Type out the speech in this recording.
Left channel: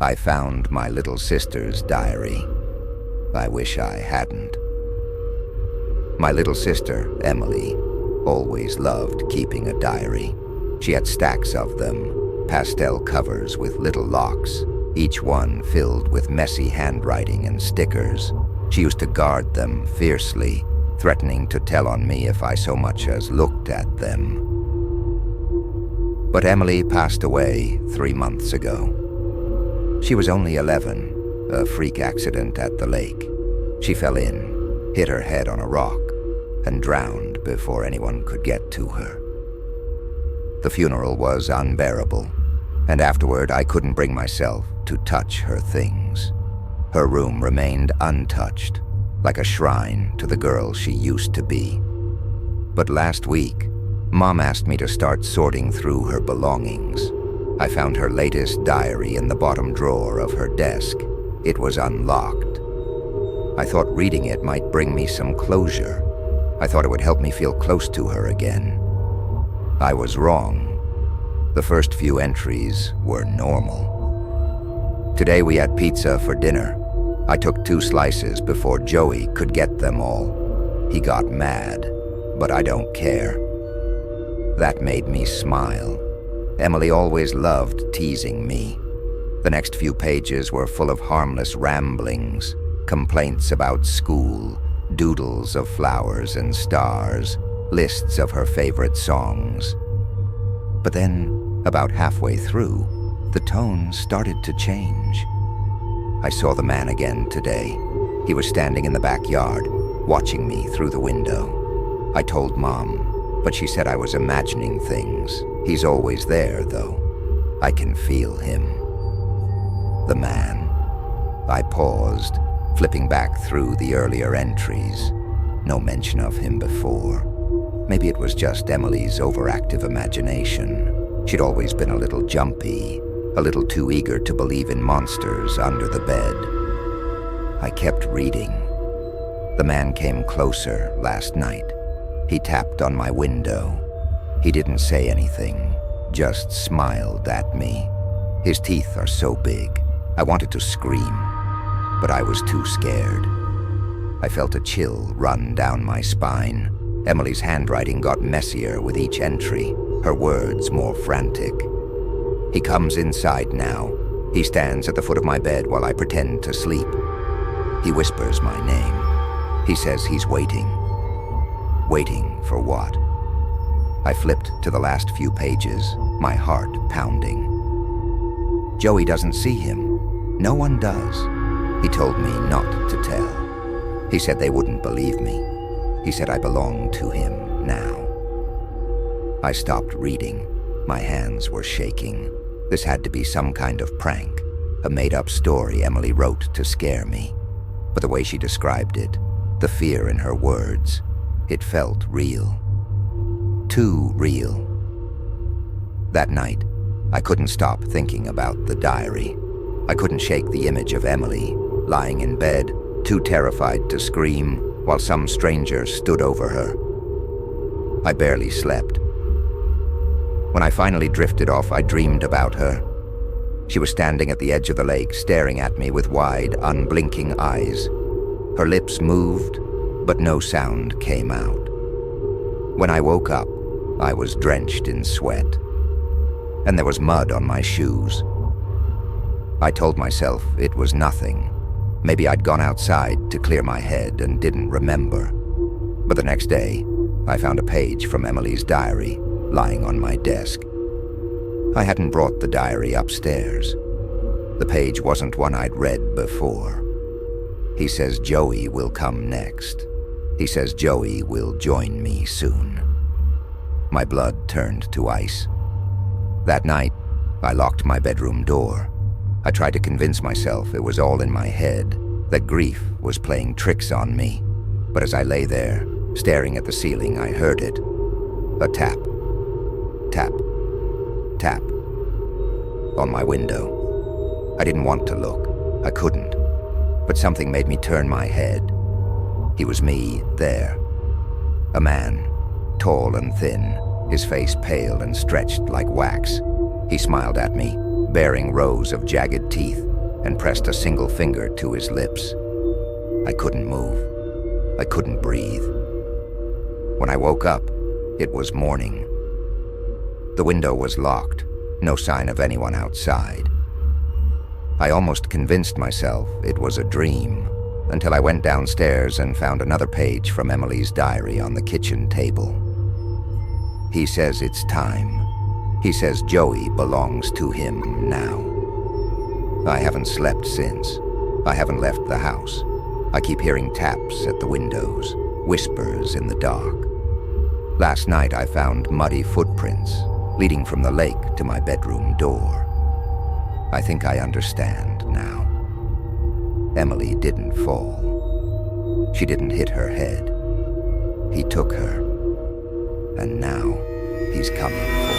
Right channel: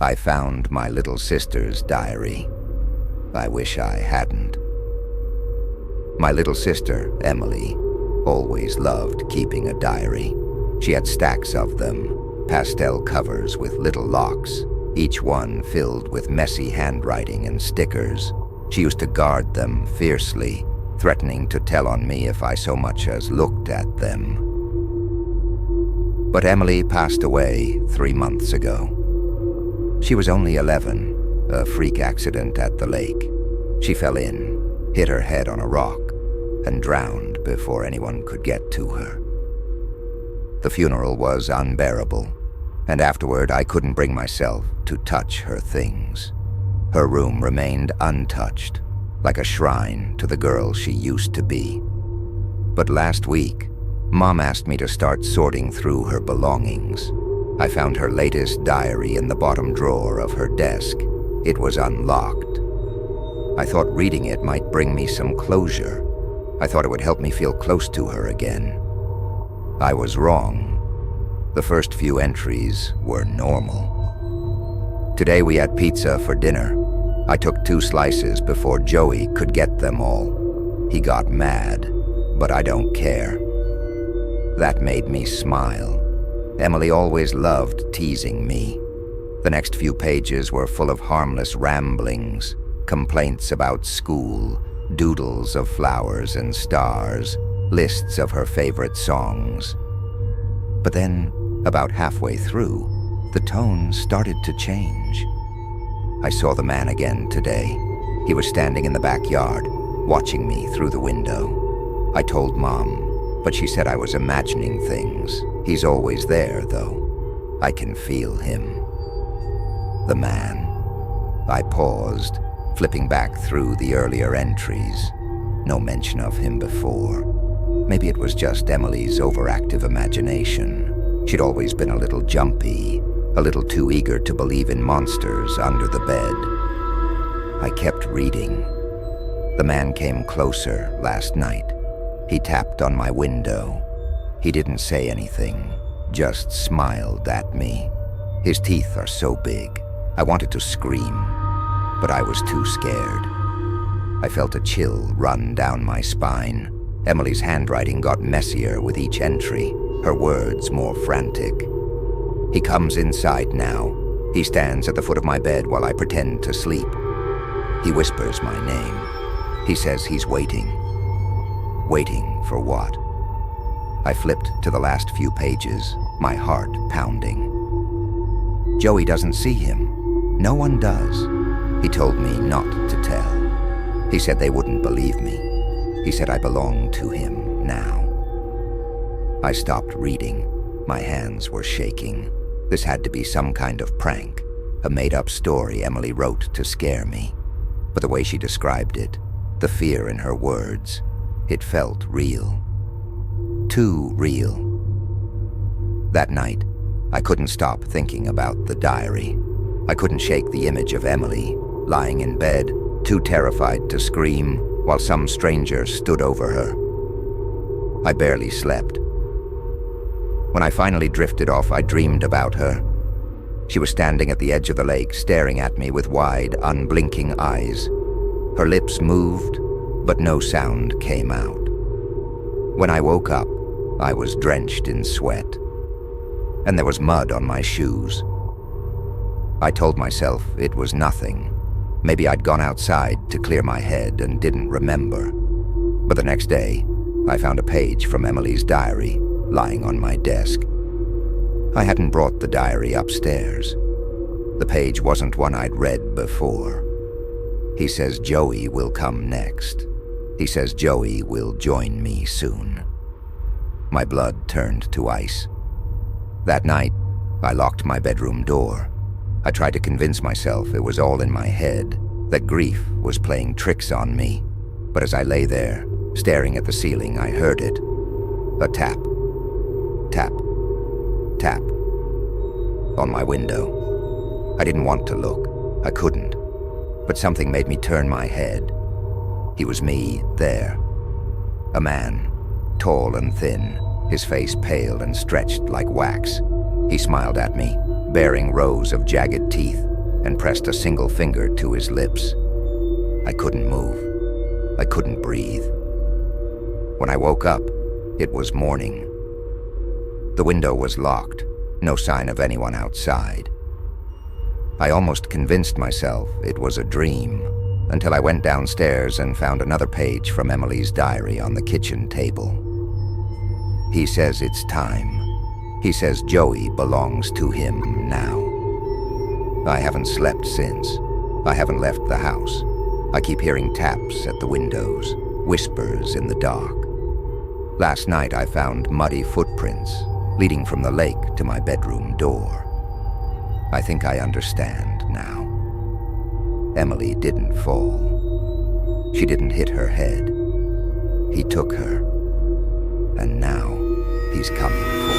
I found my little sister's diary. I wish I hadn't. My little sister, Emily, always loved keeping a diary. She had stacks of them, pastel covers with little locks, each one filled with messy handwriting and stickers. She used to guard them fiercely, threatening to tell on me if I so much as looked at them. But Emily passed away 3 months ago. She was only 11, a freak accident at the lake. She fell in, hit her head on a rock, and drowned before anyone could get to her. The funeral was unbearable, and afterward I couldn't bring myself to touch her things. Her room remained untouched, like a shrine to the girl she used to be. But last week, Mom asked me to start sorting through her belongings. I found her latest diary in the bottom drawer of her desk. It was unlocked. I thought reading it might bring me some closure. I thought it would help me feel close to her again. I was wrong. The first few entries were normal. Today we had pizza for dinner. I took 2 slices before Joey could get them all. He got mad, but I don't care. That made me smile. Emily always loved teasing me. The next few pages were full of harmless ramblings, complaints about school, doodles of flowers and stars, lists of her favorite songs. But then, about halfway through, the tone started to change. I saw the man again today. He was standing in the backyard, watching me through the window. I told Mom, but she said I was imagining things. He's always there, though. I can feel him. The man. I paused, flipping back through the earlier entries. No mention of him before. Maybe it was just Emily's overactive imagination. She'd always been a little jumpy, a little too eager to believe in monsters under the bed. I kept reading. The man came closer last night. He tapped on my window. He didn't say anything, just smiled at me. His teeth are so big. I wanted to scream, but I was too scared. I felt a chill run down my spine. Emily's handwriting got messier with each entry, her words more frantic. He comes inside now. He stands at the foot of my bed while I pretend to sleep. He whispers my name. He says he's waiting. Waiting for what? I flipped to the last few pages, my heart pounding. Joey doesn't see him. No one does. He told me not to tell. He said they wouldn't believe me. He said I belonged to him now. I stopped reading. My hands were shaking. This had to be some kind of prank, a made-up story Emily wrote to scare me. But the way she described it, the fear in her words, it felt real. Too real. That night, I couldn't stop thinking about the diary. I couldn't shake the image of Emily, lying in bed, too terrified to scream, while some stranger stood over her. I barely slept. When I finally drifted off, I dreamed about her. She was standing at the edge of the lake, staring at me with wide, unblinking eyes. Her lips moved, but no sound came out. When I woke up, I was drenched in sweat, and there was mud on my shoes. I told myself it was nothing. Maybe I'd gone outside to clear my head and didn't remember. But the next day, I found a page from Emily's diary lying on my desk. I hadn't brought the diary upstairs. The page wasn't one I'd read before. He says Joey will come next. He says Joey will join me soon. My blood turned to ice. That night, I locked my bedroom door. I tried to convince myself it was all in my head, that grief was playing tricks on me. But as I lay there, staring at the ceiling, I heard it. A tap. Tap. Tap. On my window. I didn't want to look. I couldn't. But something made me turn my head. He was me, there. A man, tall and thin, his face pale and stretched like wax. He smiled at me, bearing rows of jagged teeth, and pressed a single finger to his lips. I couldn't move. I couldn't breathe. When I woke up, it was morning. The window was locked, no sign of anyone outside. I almost convinced myself it was a dream, until I went downstairs and found another page from Emily's diary on the kitchen table. He says it's time. He says Joey belongs to him now. I haven't slept since. I haven't left the house. I keep hearing taps at the windows, whispers in the dark. Last night I found muddy footprints leading from the lake to my bedroom door. I think I understand now. Emily didn't fall. She didn't hit her head. He took her. And now he's coming for